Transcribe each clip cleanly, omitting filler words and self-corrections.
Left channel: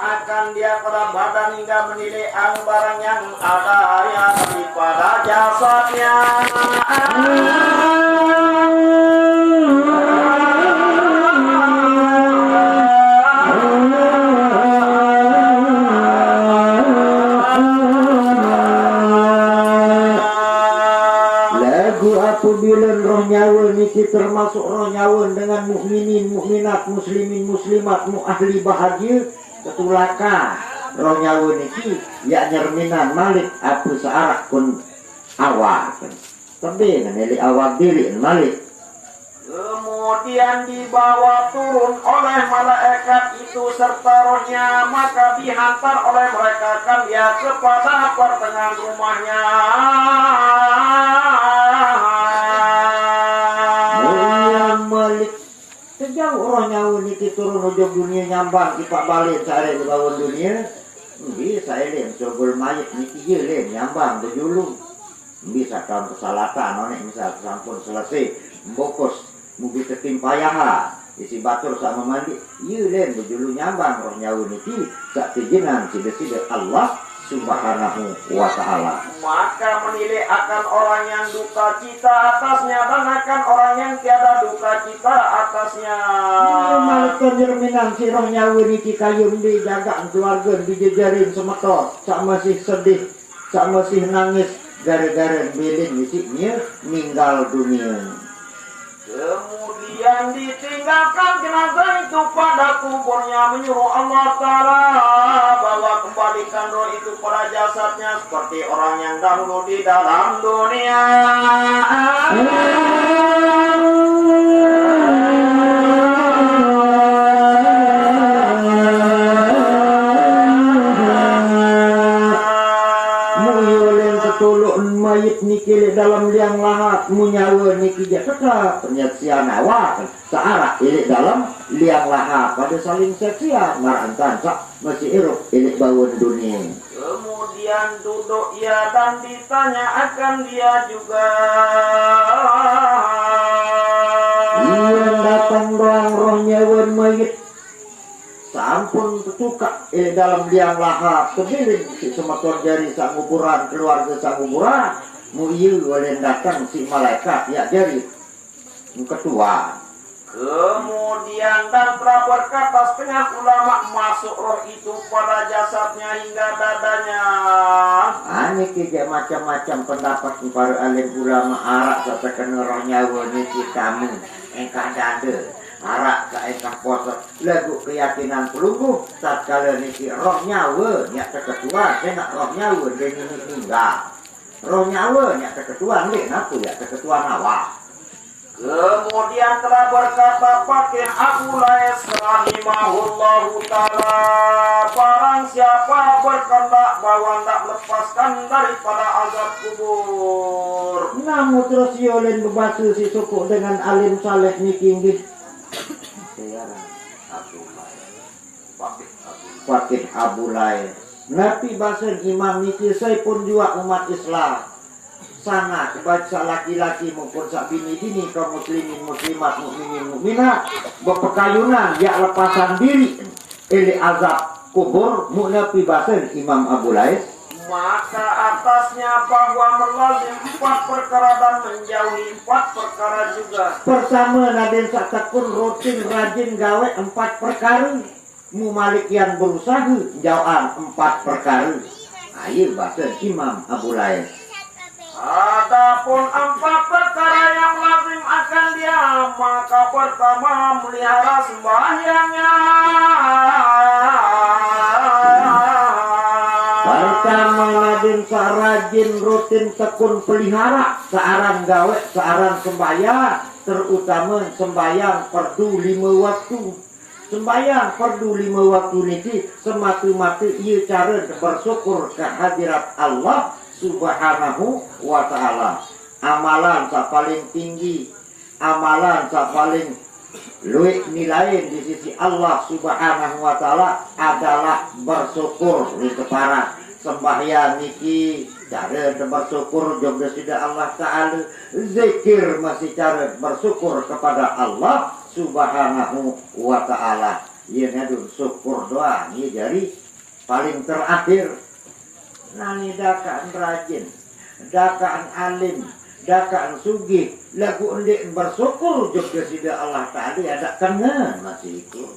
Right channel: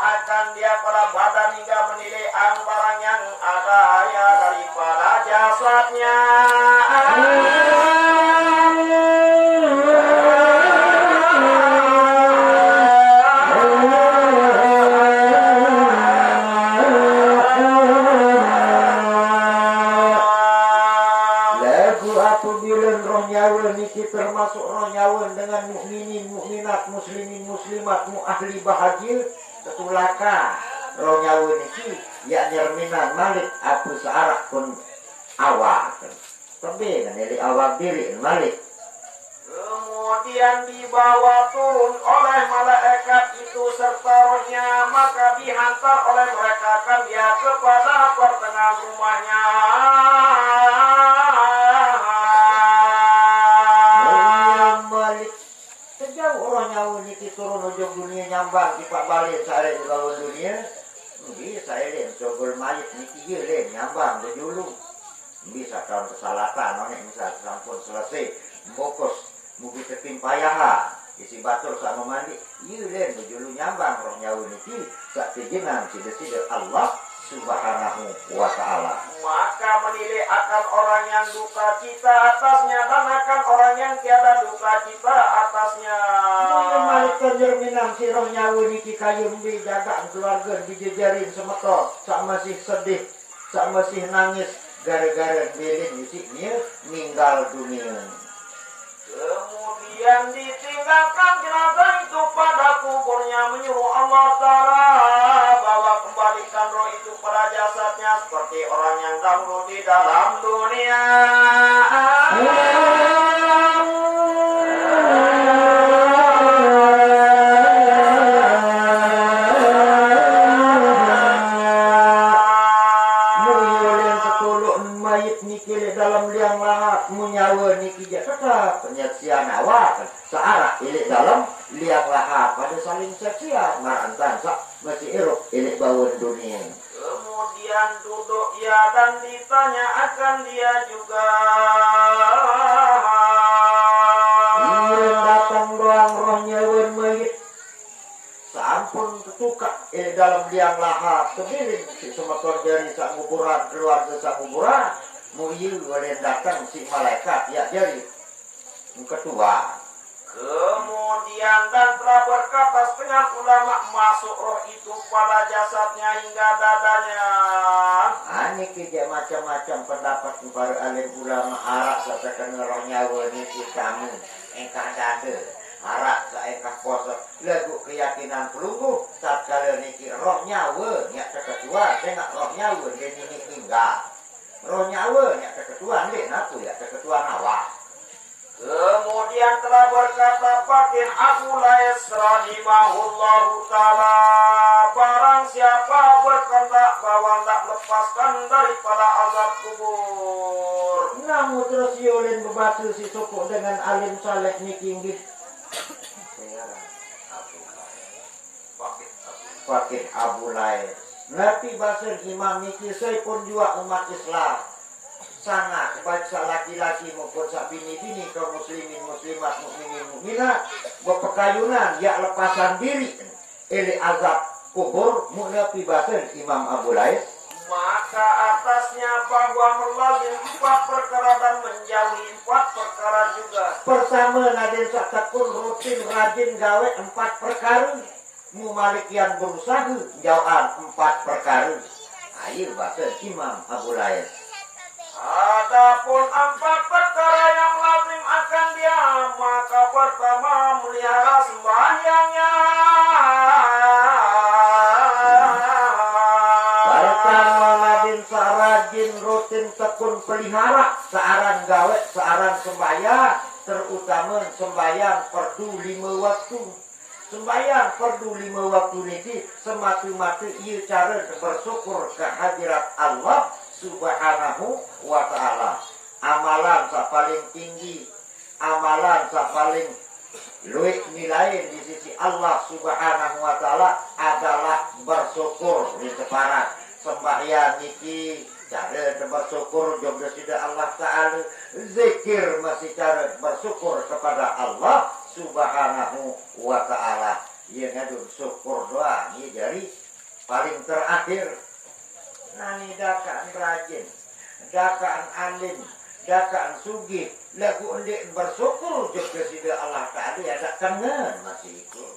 akan dia pada badan hingga menilai barang yang ada ya daripada jasadnya. Apabila roh nyawa niki termasuk roh nyawa dengan mukminin, mukminat, muslimin, muslimat, ahli bahagia, ketulaka roh nyawa niki ya nyerminan malik apa searak kun awak tapi nganeli awak diri malik. Kemudian dibawa turun oleh malaikat itu serta rohnya, maka dihantar oleh mereka kan dia kepada pertengahan rumahnya. Orang nyawa niki turun ujung dunia nyambang kita balik saya ke lawan dunia bisa elem coba mayat niki je lem nyambang berjulung bisa tahun kesalatan nonek misal sampun selesai mbokos mugi ketimpayaha isi batur sama mandi ye lem berjulung nyambang roh nyawa niki sak tijinan sida-sida Allah Subhanahu wa ta'ala. Maka menilai akan orang yang duka cita atasnya dan akan orang yang tiada duka cita atasnya. Malaikat jerminan si roh nyawa niki kayu dijaga keluarga dijejarin semetor sak masih sedih sak masih nangis gara-gara bilin isiknya meninggal dunia. Kemudian ditinggalkan jenazah itu pada kuburnya, menyuruh Allah Ta'ala bahwa kembalikan roh itu pada jasadnya seperti orang yang dahulu di dalam dunia. Mayit niki dalam liang lahat munyawa niki jataka penyaksian awak searah ilik dalam liang lahat pada saling seksian marantan sak masih iruk ilik bawon dunia. Kemudian duduk ia dan ditanya akan dia juga. Ia datang doang roh nyawa mayit sampun ketukak dalam liang lahat kebilin si semeton jari sak kuburan keluarga sak kuburan muiyu oleh datang si malaikat ya jari ketua. Kemudian dan telah berkata setengah ulama masuk roh itu pada jasadnya hingga dadanya. Ini kerja macam-macam pendapat para alim ulama arak katakan roh nyawa ini kamu engkau dada arak ke engkau poso lagu keyakinan pelungguh saat kala niki roh nyawa nyak ketua saya nak roh nyawa dia ini tinggal roh nyawa nyak ketua ni aku ya ketua nawa. Kemudian telah berkata Fakih Abu Lais rahimahullahu ta'ala, barang siapa berkehendak bahwa hendak lepaskan daripada azab kubur. Namun terus yolen berbatu si suku dengan alim saleh niki nggih. Fakih Abu Lais. Nabi basen imam niki saya pun juga umat Islam. Sangat baca laki-laki maupun sak bini-bini kaum muslimin muslimat mukminin mukminat berpekayunan ya lepasan diri eli azab kubur munafi basen Imam Abu Lais. Maka atasnya bahwa melazim 4 perkara dan menjauhi 4 perkara juga. Pertama naden sak tekun rutin rajin gawe 4 perkara mu malik yang berusaha jauhan 4 perkara. Ayo basen Imam Abu Lais. Adapun 4 perkara yang lazim akan dia, maka pertama melihara sembahyangnya. Pertama nadin sarajin rutin tekun pelihara searan gawe searan sembahyang, terutama sembahyang fardu 5 waktu. Sembahyang fardu 5 waktu niki semata-mata ieu cara bersyukur kehadirat Allah Subhanahu wa ta'ala. Amalan sa paling tinggi, amalan sa paling luwih nilai di sisi Allah Subhanahu wa ta'ala adalah bersyukur di keparat. Sembahyang niki cara bersyukur juga sudah Allah ta'ala. Zikir masih cara bersyukur kepada Allah Subhanahu wa ta'ala. Iya ngadu syukur doa ini jadi paling terakhir. Nani dakaan rajin, dakaan alim, dakaan sugih, lagu endik bersyukur juga sida Allah tadi ada kangen masih itu.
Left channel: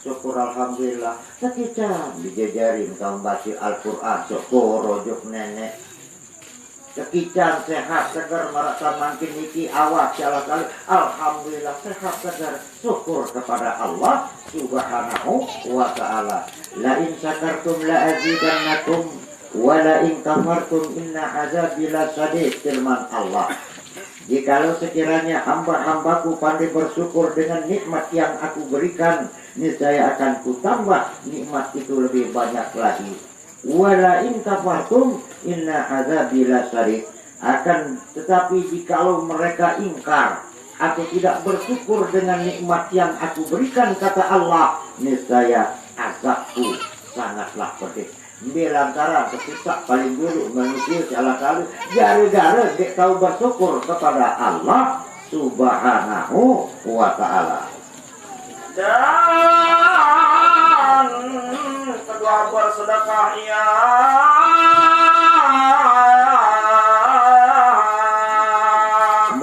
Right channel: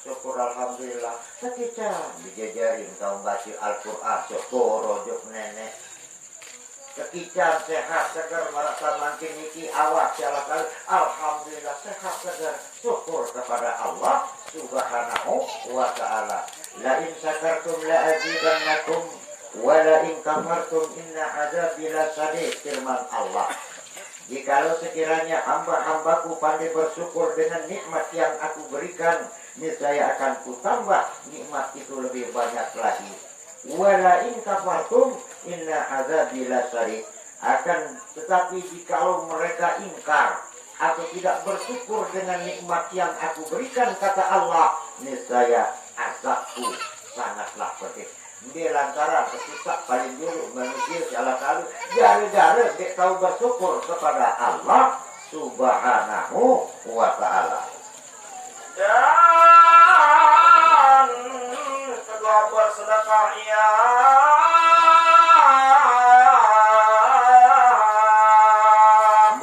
Syukur alhamdulillah. Sekitar dijajarin kau baca Al-Quran syukur rojuk nenek. Sekitar sehat segar merasa makin niki awak salah kali. Alhamdulillah sehat segar. Syukur kepada Allah Subhanahu wa ta'ala. La in syakartum la azidannakum wa la in kafartum inna azabi lasadid, firman Allah. Jikalau sekiranya hamba-hambaku pandai bersyukur dengan nikmat yang aku berikan, niscaya akan kutambah nikmat itu lebih banyak lagi. Wala in kafartum inna azabi lasadid. Akan tetapi jikalau mereka ingkar atau tidak bersyukur dengan nikmat yang aku berikan, kata Allah, niscaya azabku sangatlah pedih. Di lantaran kesusak paling dulu manusia salah kali gara-gara dia tahu bersyukur kepada Allah Subhanahu wa ta'ala. Dan kedua bersedekah ia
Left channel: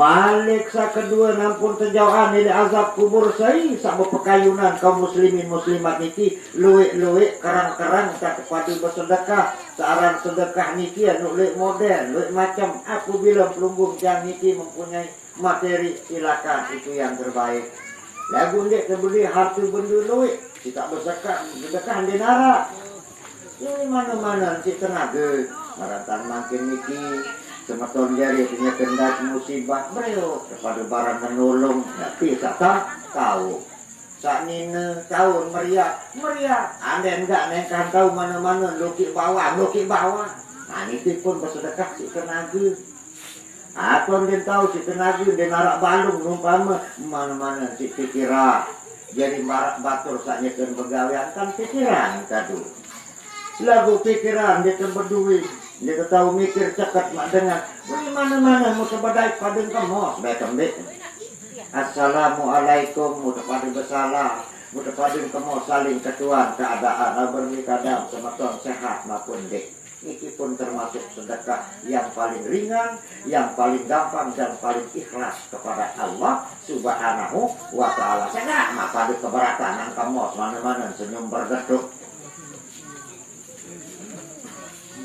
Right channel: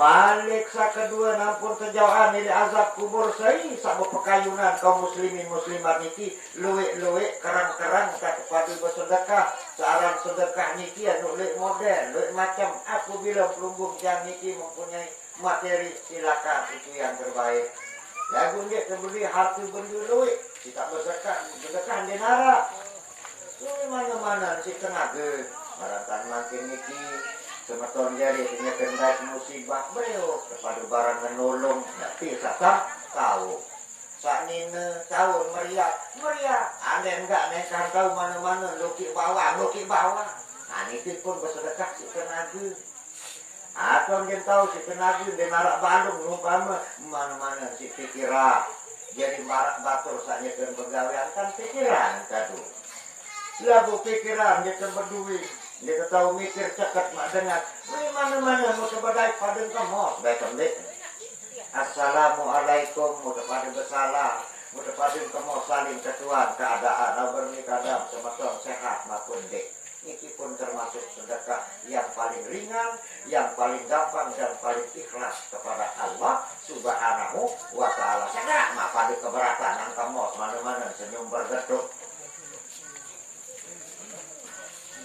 balik sa kedua nampun kejauhan dari azab kubur saya sama pekayunan kaum muslimin muslimat niki luwek-luwek kerang-kerang tak kepada bersedekah searang sedekah niki anu luwek modern luwek macam aku bilang pelunggung yang niki mempunyai materi silakan itu yang terbaik. Lagu ndek kebeli harta benda luwek kita bersedekah denara ini mana-mana si tenaga maratan makin niki semeton jari punya kendak musibah beliau kepada barang menolong tapi tak tahu saat ini tahun meriah anda enggak nekan tahu mana-mana lukik bawah nah itu pun bersedekah si tenaga atau dia tahu si tenaga dia narak balung numpama mana-mana si pikiran jadi marak batur saatnya kan begawean kan pikiran tadu lagu pikiran dia kan berduit dia tahu mikir cekat mak dengar dari mana-mana mau sebadai padang kamu baik kembali. Assalamualaikum mau pada bersalah mau padang kamu saling ketuan keadaan bernikah sama tuan sehat maupun dek. Ini pun termasuk sedekah yang paling ringan, yang paling gampang dan paling ikhlas kepada Allah Subhanahu wa ta'ala. Saya mak pada keberatan kamu mana-mana senyum bergeduk.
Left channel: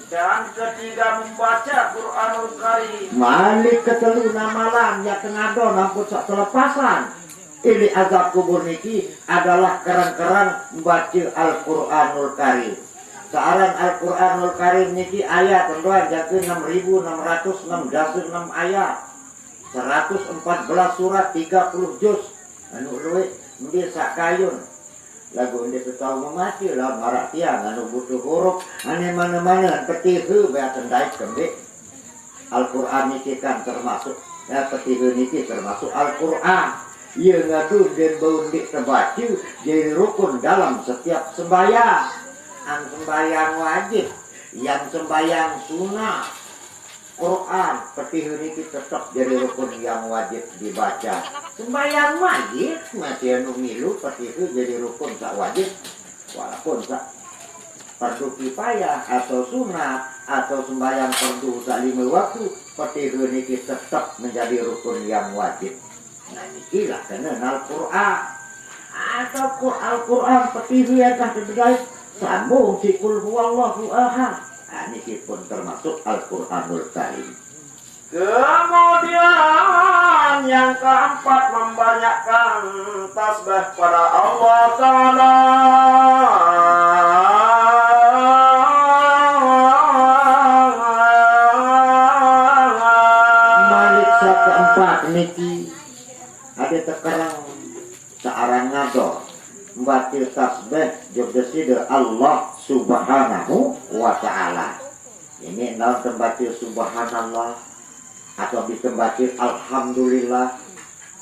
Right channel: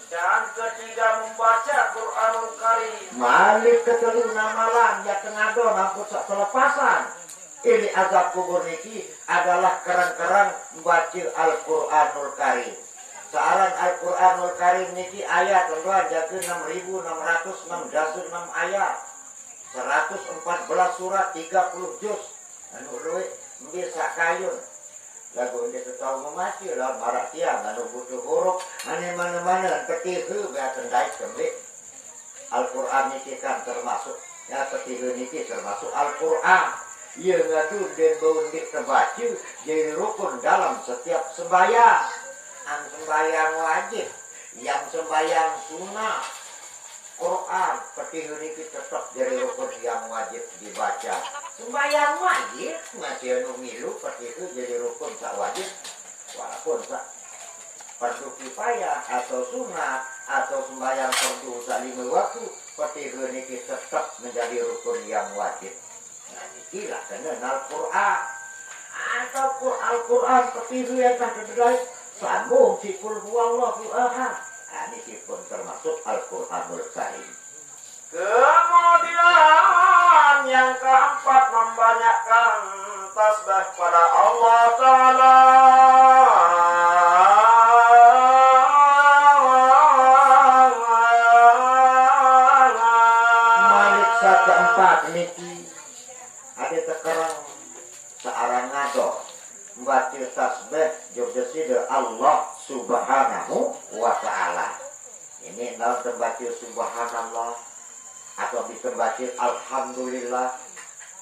dan ketiga membaca Quranul Karim. Malik keteluna malam ya kenado nampun sak telepasan. Ini azab kubur niki adalah kerang-kerang membaca Al-Quranul Karim. Searan Al-Quranul Karim niki ayat tentuan jatuh 6.666 ayat. 114 surat 30 juz. Anu luwih bisa kayun. Lagu ini tahu memati lah marak tiang anu butuh huruf ane mana-mana petihu beat kendai kembali. Al-Quran niki kan termasuk ya petihu niki termasuk Al-Quran. Ia ngadu dan baundik terbaca jadi rukun dalam setiap sembahyang. An sembahyang wajib, yang sembahyang sunnah, Quran petihu niki tetap jadi rukun yang wajib dibaca. Sembahyang wajib masih anu milu petihu jadi rukun tak wajib, walaupun tak fardu kifayah atau sunat atau sembahyang fardu tak 5 waktu petihu niki tetap menjadi rukun yang wajib. Nah inilah kena Al-Quran atau Al-Quran petihu yang tak berbeda sambung si kul huwallahu ahad. Nah ini pun termasuk Al-Quranul Karim. Kemudian yang keempat membanyakkan tasbih pada Allah Ta'ala. Malik keempat niki ada tekerang searang ngado membaca tasbih jogdesida Allah Subhanahu wa ta'ala. Ini dalam tembaca subhanallah atau ditembaca alhamdulillah,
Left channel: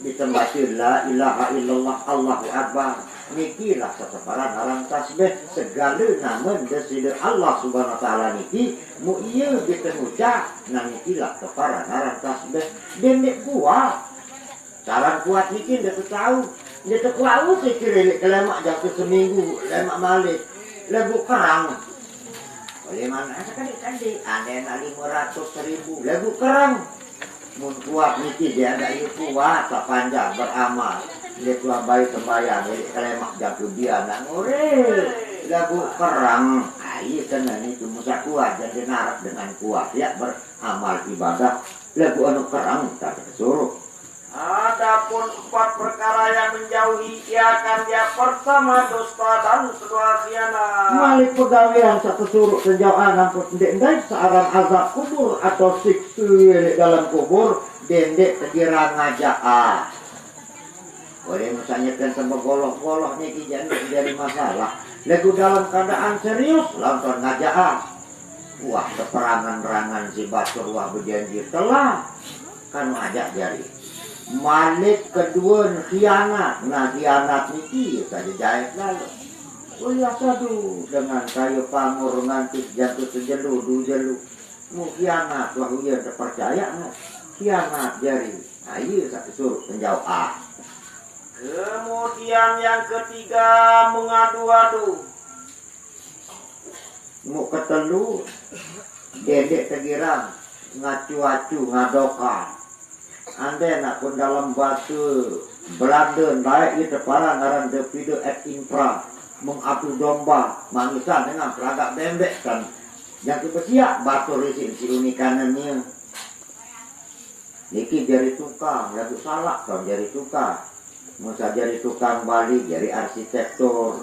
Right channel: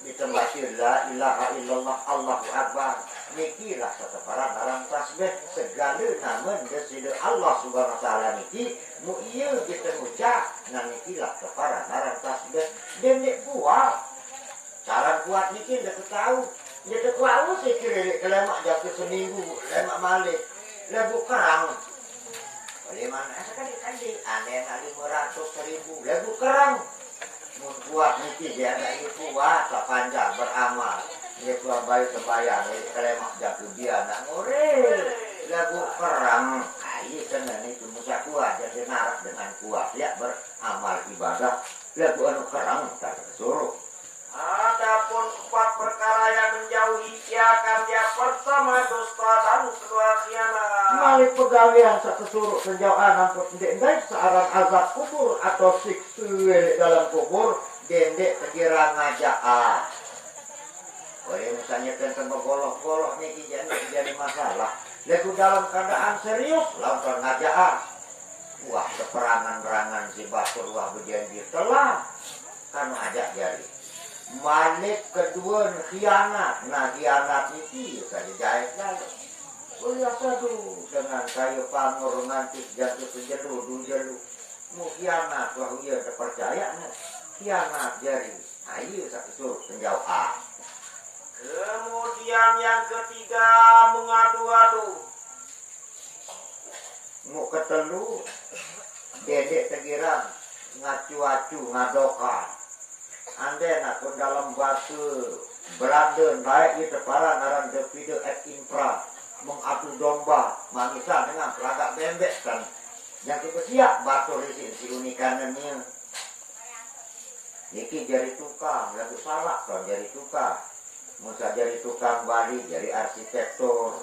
ditembaca la ilaha illallah Allahu akbar. Niki lah seseparan dalam tasbih segala nama desida Allah Subhanahu wa ta'ala niki mu iya ditemuca nah niki lah seseparan dalam tasbih dan nek kuat cara kuat niki dia tahu Dia terkuat sih kira lemak jatuh seminggu, lemak malik, lebu kerang. Boleh mana sekali-kali, ada nak 500.000, lebu kerang. Mun kuat niki dia ada itu kuat, tak panjang beramal. Dia tua bayi sembahyang, lemak jatuh dia nak ngore. Lebu kerang, ayo kena ni cuma kuat jadi narak dengan kuat ya beramal ibadah. Lebu anu kerang tak kesuruh. Adapun 4 perkara yang menjauhi ia akan dia pertama dusta dan kedua khianat. Malik pegawaian satu suruh penjauhan ampun dendek seorang azab kubur atau siksa dalam kubur dendek tegiran ngajak. Boleh misalnya kan sama golok-golok nih jadi masalah. Lagu dalam keadaan serius lantar ngajak. Wah keperangan-perangan si Batur wah berjanji telah kan ajak jari. Malik kedua khianat, nah khianat ini tadi jahit lalu. Oh ya sadu dengan kayu pamur nganti jatuh sejelu dujelu. Mu khianat lah dia terpercaya nah. Khianat jari. Nah iya satu suruh menjauh Kemudian yang ketiga mengadu-adu. Mu ketelu dedek tegirang ngacu-acu ngadoka. Anda nak pun dalam bahasa Belanda baik itu para ngaran devide et infra mengadu domba manisan dengan peragak bembek kan yang kebesiak batu risin si unikan ni niki jari tukang lagu salah kan jari tukang musa jari tukang Bali jari arsitektur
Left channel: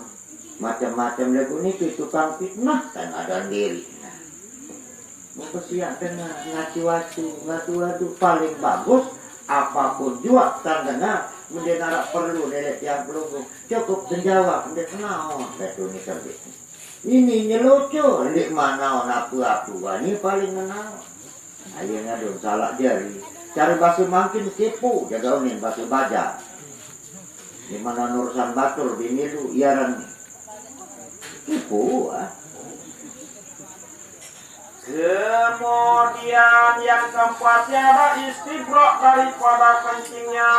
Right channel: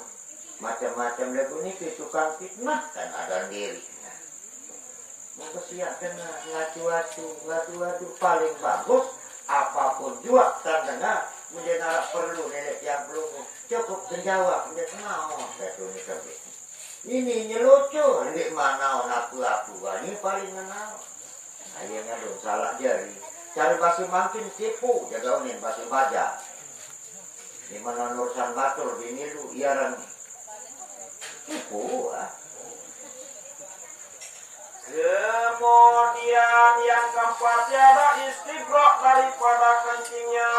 macam-macam lagu niki tukang fitnah kan ada diri mau kesiak kena ngatu-atu paling bagus apapun juga tandanya mendengar perlu nenek yang belum cukup menjawab dia kenal betul ni kerja ini nyelucu di mana aku ini paling kenal akhirnya dong salah jari cari bahasa makin tipu jadaunin bahasa baja di mana Nursan Batur bini lu iaran tipu Kemudian yang keempatnya ada istibrok daripada kencingnya.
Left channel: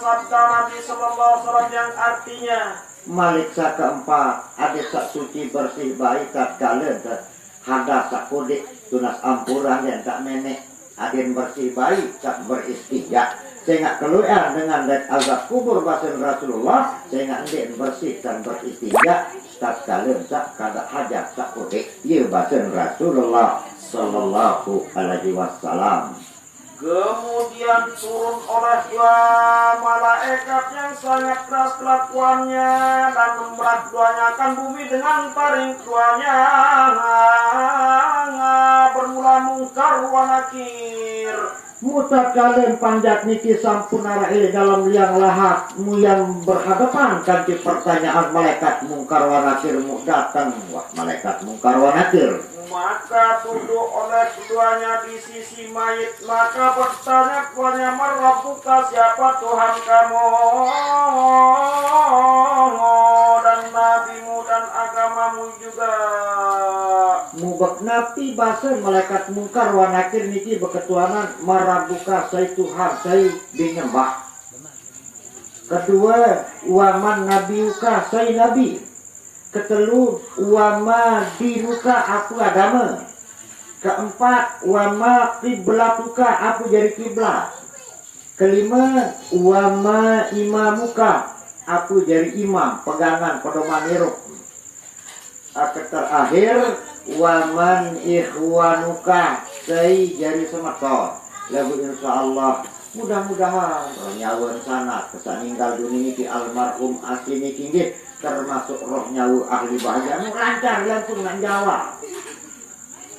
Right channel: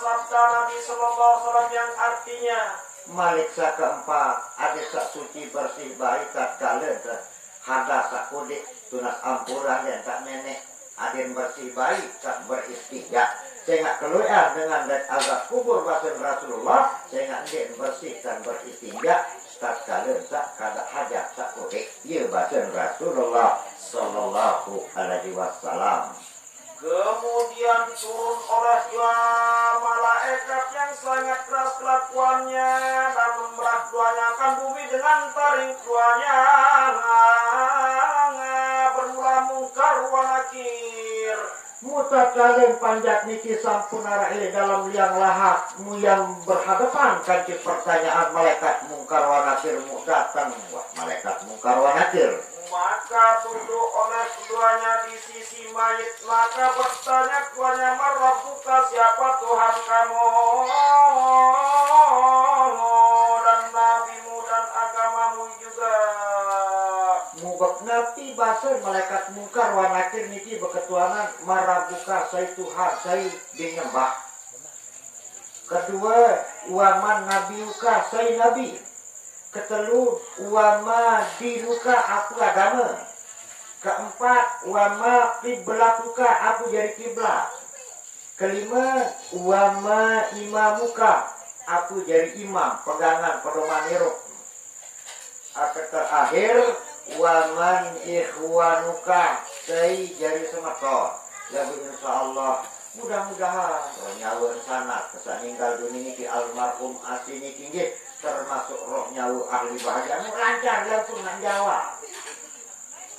Sabda Nabi Sallallahu Alaihi Wasallam yang artinya Malik sak keempat ada sak suci bersih baik tak kala hadas sak kudik tunas ampuran dan tak menek ada yang bersih baik tak beristijak sehingga keluar dengan dek azab kubur batin Rasulullah sehingga dia bersih dan beristijak tak kala tak kada hajat tak kudik ia batin Rasulullah Sallallahu Alaihi Wasallam. kemudian turun oleh dua malaikat yang sangat keras kelakuannya dan memberat duanyakan bumi dengan taring tuanya bermula mungkar wa nakir. Muta kalian panjat niki sampun arai dalam liang lahap mu yang berhadapan kanti pertanyaan malaikat mungkar wa nakir mu datang wah malaikat mungkar wa nakir. Maka duduk oleh keduanya di sisi mayit maka bertanya keduanya marwabuka siapa Tuhan kamu dan nabimu dan agamamu juga. Mubak nabi bahasa malaikat mungkar wa nakir niki berketuanan marabuka saya Tuhan saya dinyembah. Kedua waman nabiuka saya nabi. Ketelu wama dinuka aku agama. Keempat wama kiblatuka aku jadi kiblat. Kelima wama imamuka aku jadi imam pegangan pedoman hirup. Terakhir waman ikhwanuka saya jadi semeton. Lalu insyaallah mudah-mudahan nyawa sana kesan ninggal dunia di almarhum asini tinggi termasuk roh nyawa ahli bahagia lancar langsung nang jawab.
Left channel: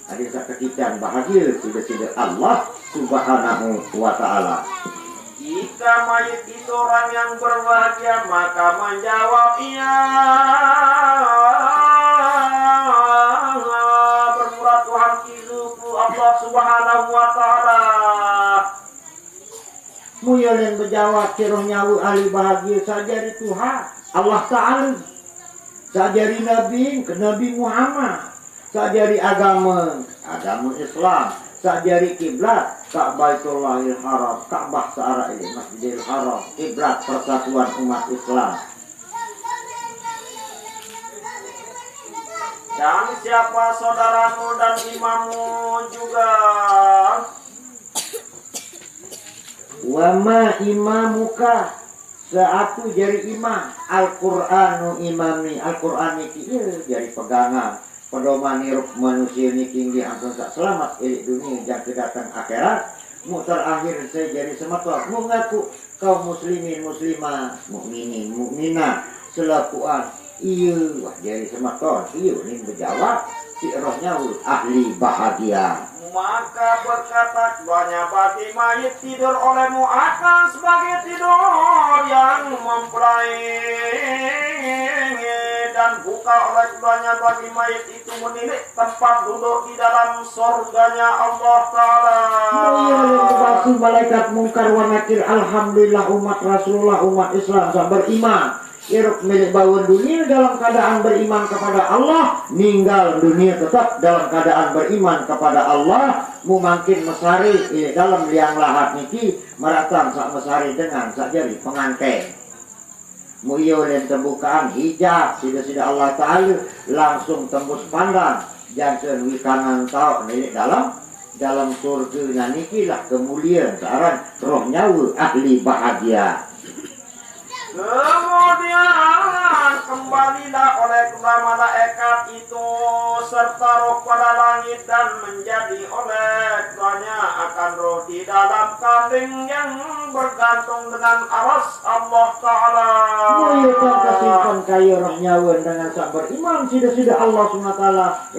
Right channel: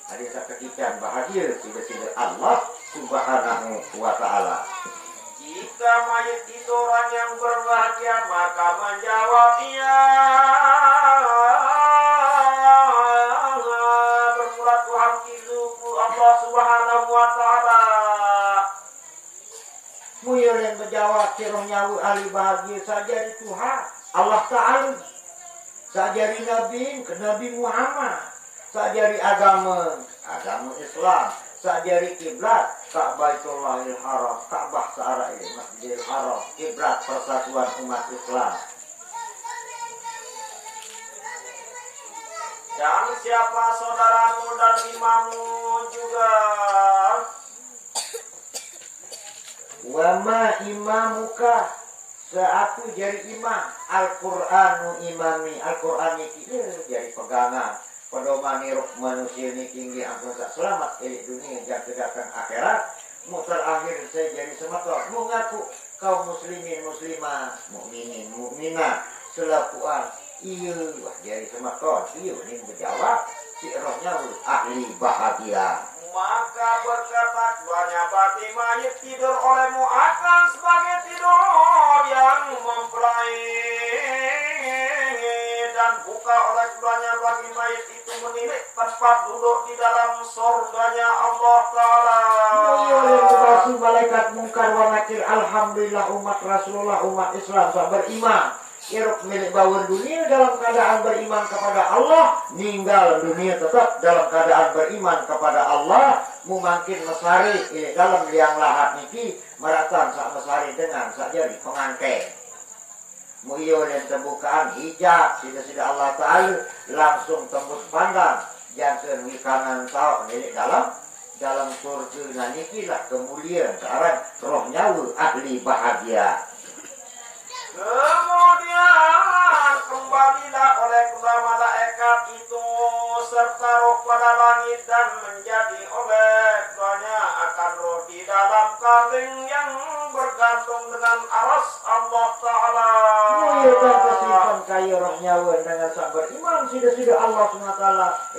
Ada seketika bahagia sudah Allah Subhanahu wa taala. Jika mayit itu orang yang berbahagia maka menjawab iya. Bermurad Tuhan hidupku Allah Subhanahu wa taala. Muyol yang berjawab roh nyawa ahli bahagia saja di Tuhan Allah Ta'ala sajari Nabi ke Nabi Muhammad sajari agama Islam sajari kiblat Ka'baitullahil Haram, Ka'bah searah ini Masjidil Haram, kiblat persatuan umat Islam. Dan siapa saudaramu dan imammu juga. Wama imamuka, seatu jari imam, Al-Qur'anu imami, Al-Qur'an iki jari pegangan. Pedoman hirup manusia ini tinggi akan tak selamat elik dunia dan kedatang akhirat. Mutar akhir saya jadi semator mengaku kaum muslimin muslimah mukminin mukminah selakuan iya wah jadi semator iya ini berjawab si rohnya ahli bahagia. Maka berkata keduanya bagi mayit tidur olehmu akan sebagai tidur yang mempelai, dan buka oleh keduanya bagi mayit itu menilik tempat duduk di dalam surganya Allah Ta'ala. Terima malaikat mungkar wa nakir. Alhamdulillah umat Rasulullah umat Islam tak beriman. Iruk milik bawah dunia dalam keadaan beriman kepada Allah, ninggal dunia tetap dalam keadaan beriman kepada Allah. Mungkin mesari dalam liang lahat niki meratang sak mesari dengan sak jari pengantin. Muyo dan tembukaan hijab sida-sida Allah Ta'ala langsung tembus pandang jangan wikanan tau milik dalam surga niki lah kemuliaan searang roh nyawa ahli bahagia. Kemudian kembalilah oleh kedua malaikat itu serta roh pada langit dan menjadi oleh keduanya akan roh di dalam kambing yang bergantung dengan aras Allah Ta'ala. Muliakan kasihkan kaya roh nyawa dengan sak beriman sida-sida Allah SWT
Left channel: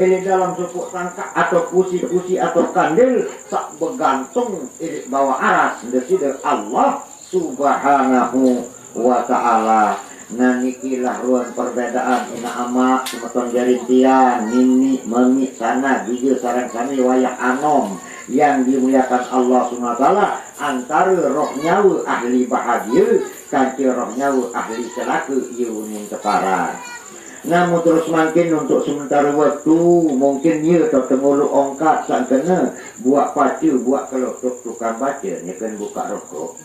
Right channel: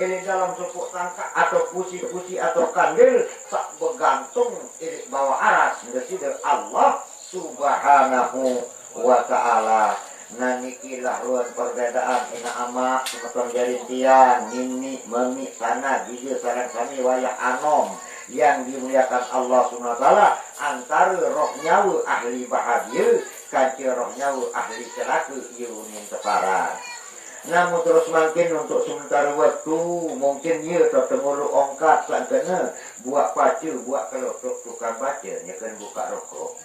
ini dalam suku tangkap atau pusi-pusi atau kandil sak bergantung ini bawa aras sida-sida Allah Subhanahu wa ta'ala. Nah nikilah ruang perbedaan ina amak semeton jarintian nini memi sana jujur sarang kami wayah anom yang dimuliakan Allah SWT antara roh nyawa ahli bahagia kanti roh nyawa ahli celaku yuning kepara. Namun terus makin untuk sementara waktu mungkin ia tertemu lu ongkat sang kena buat pacu buat kalau tukang baca ni kan buka rokok.